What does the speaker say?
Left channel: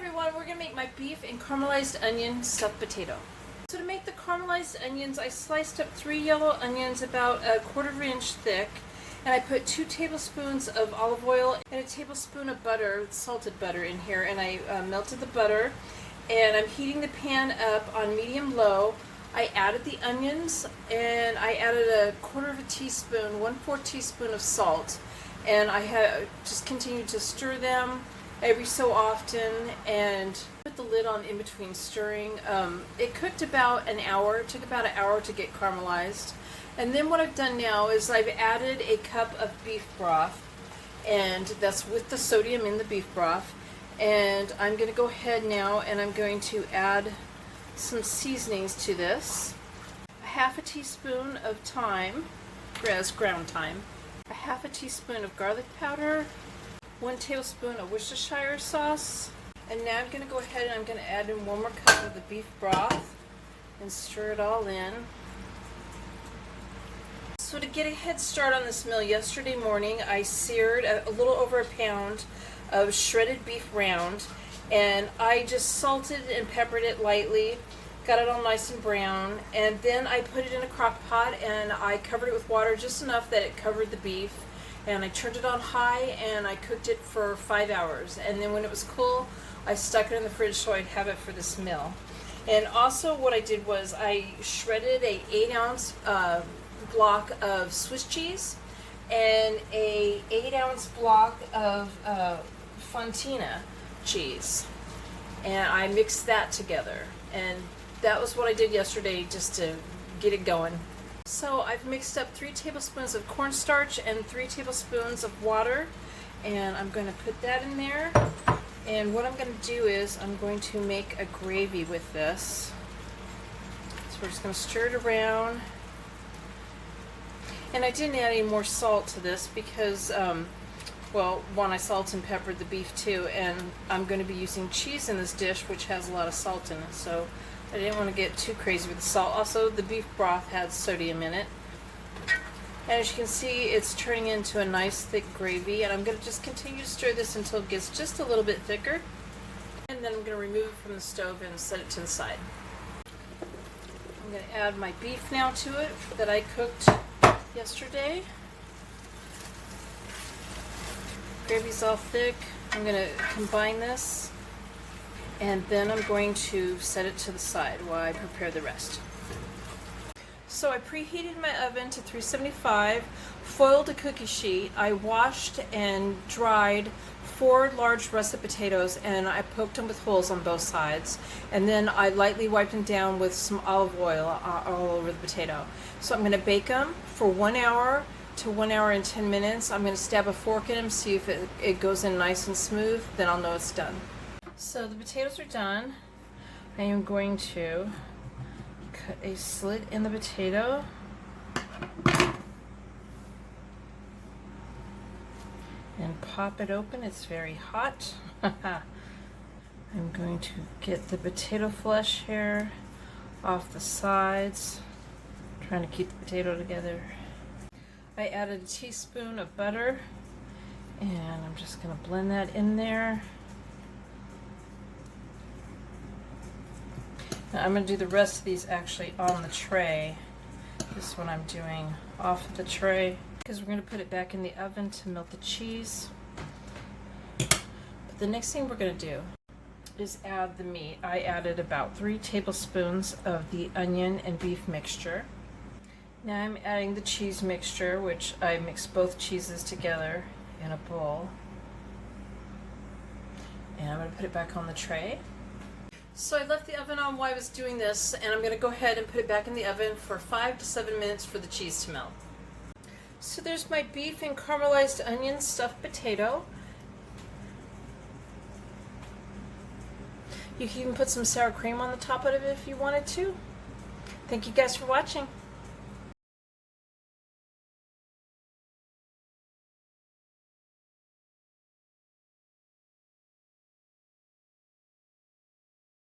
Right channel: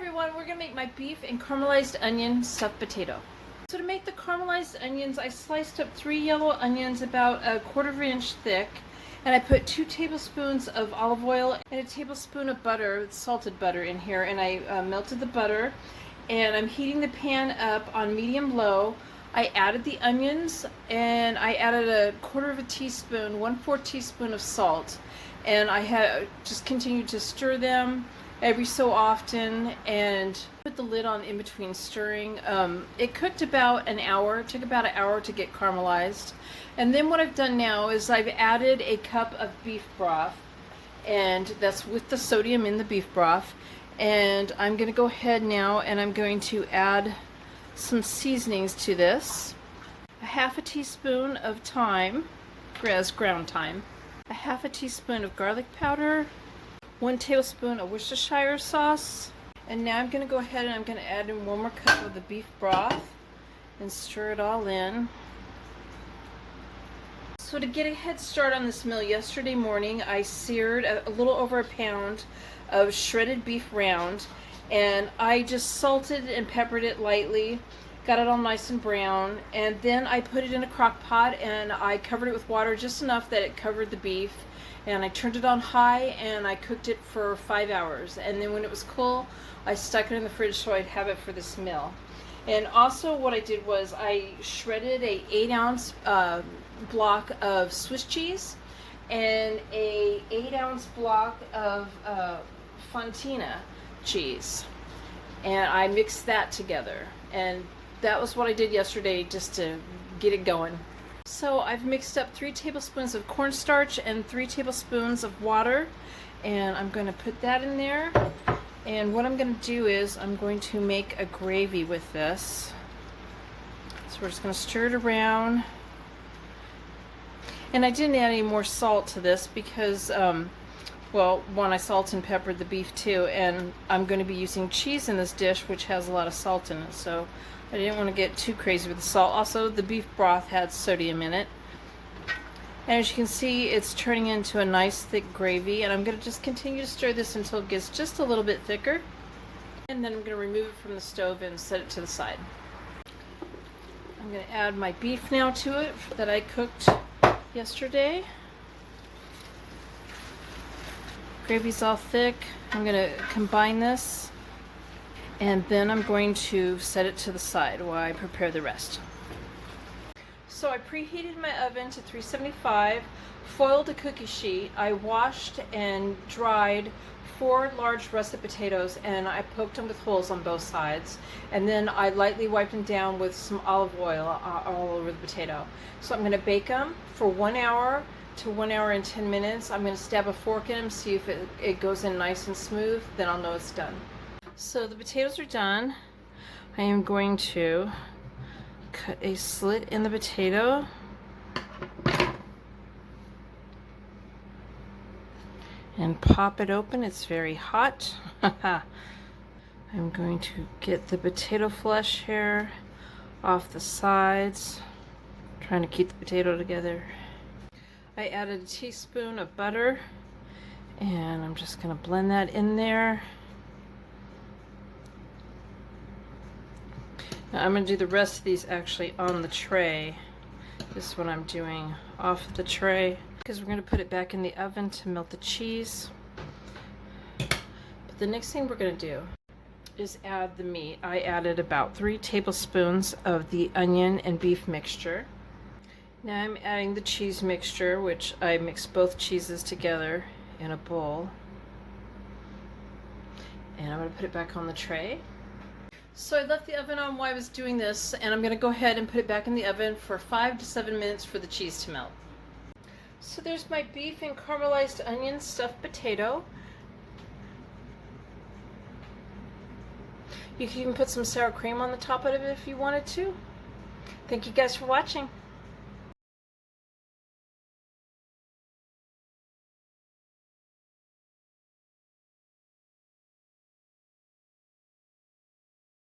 everyone, we're going to make my beef and caramelized onion stuffed potato. So to make the caramelized onions, I sliced up 3 yellow onions about a 1/4 inch thick, and I put 2 tablespoons of olive oil and a tablespoon of butter, salted butter in here, and I melted the butter, and I'm heating the pan up on medium-low. I added the onions, and I added a 1/4 teaspoon, 1/4 teaspoon of salt, and I had just continued to stir them every so often and put the lid on in between stirring. It cooked about an hour. It took about an hour to get caramelized. And then what I've done now is I've added a cup of beef broth, and that's with the sodium in the beef broth. And I'm going to go ahead now and I'm going to add some seasonings to this. A 1/2 teaspoon of thyme, ground thyme, a 1/2 teaspoon of garlic powder, 1 tablespoon of Worcestershire sauce, and now I'm going to go ahead and I'm going to add in 1 more cup of the beef broth and stir it all in. So to get a head start on this meal, yesterday morning I seared a little over a pound of shredded beef round, and I just salted and peppered it lightly, got it all nice and brown, and then I put it in a crock pot and I covered it with water just enough that it covered the beef, and I turned it on high and I cooked it for 5 hours, and then when it was cool I stuck it in the fridge so I'd have it for this meal. And also what I did was I shredded a 8-ounce block of Swiss cheese and a 8-ounce block of Fontina cheese, and I mixed that together, and that was what I did yesterday just to get it going. So I've mixed up 3 tablespoons of cornstarch and 3 tablespoons of water, and I'm going to put that in there. And what I'm going to do is I'm going to make a gravy with this. So we're just going to stir it around. And I didn't add any more salt to this because, well, one, I salt and peppered the beef too, and I'm going to be using cheese in this dish, which has a lot of salt in it, so I didn't want to get too crazy with the salt. Also, the beef broth had sodium in it. And as you can see, it's turning into a nice thick gravy, and I'm going to just continue to stir this until it gets just a little bit thicker. And then I'm going to remove it from the stove and set it to the side. I'm going to add my beef now to it that I cooked yesterday. Gravy's all thick. I'm going to combine this, and then I'm going to set it to the side while I prepare the rest. So I preheated my oven to 375, foiled a cookie sheet. I washed and dried 4 large russet potatoes, and I poked them with holes on both sides, and then I lightly wiped them down with some olive oil all over the potato. So I'm going to bake them for 1 hour to 1 hour and 10 minutes. I'm going to stab a fork in them, see if it goes in nice and smooth, then I'll know it's done. So the potatoes are done. I am going to cut a slit in the potato and pop it open. It's very hot. I'm going to get the potato flesh here off the sides, trying to keep the potato together. I added a teaspoon of butter, and I'm just going to blend that in there. Now I'm going to do the rest of these actually on the tray. This is what I'm doing off the tray, because we're going to put it back in the oven to melt the cheese. But the next thing we're going to do is add the meat. I added about 3 tablespoons of the onion and beef mixture. Now I'm adding the cheese mixture, which I mixed both cheeses together in a bowl. And I'm going to put it back on the tray. So I left the oven on while I was doing this, and I'm going to go ahead and put it back in the oven for 5 to 7 minutes for the cheese to melt. So there's my beef and caramelized onion stuffed potato. You can even put some sour cream on the top of it if you wanted to. Thank you guys for watching.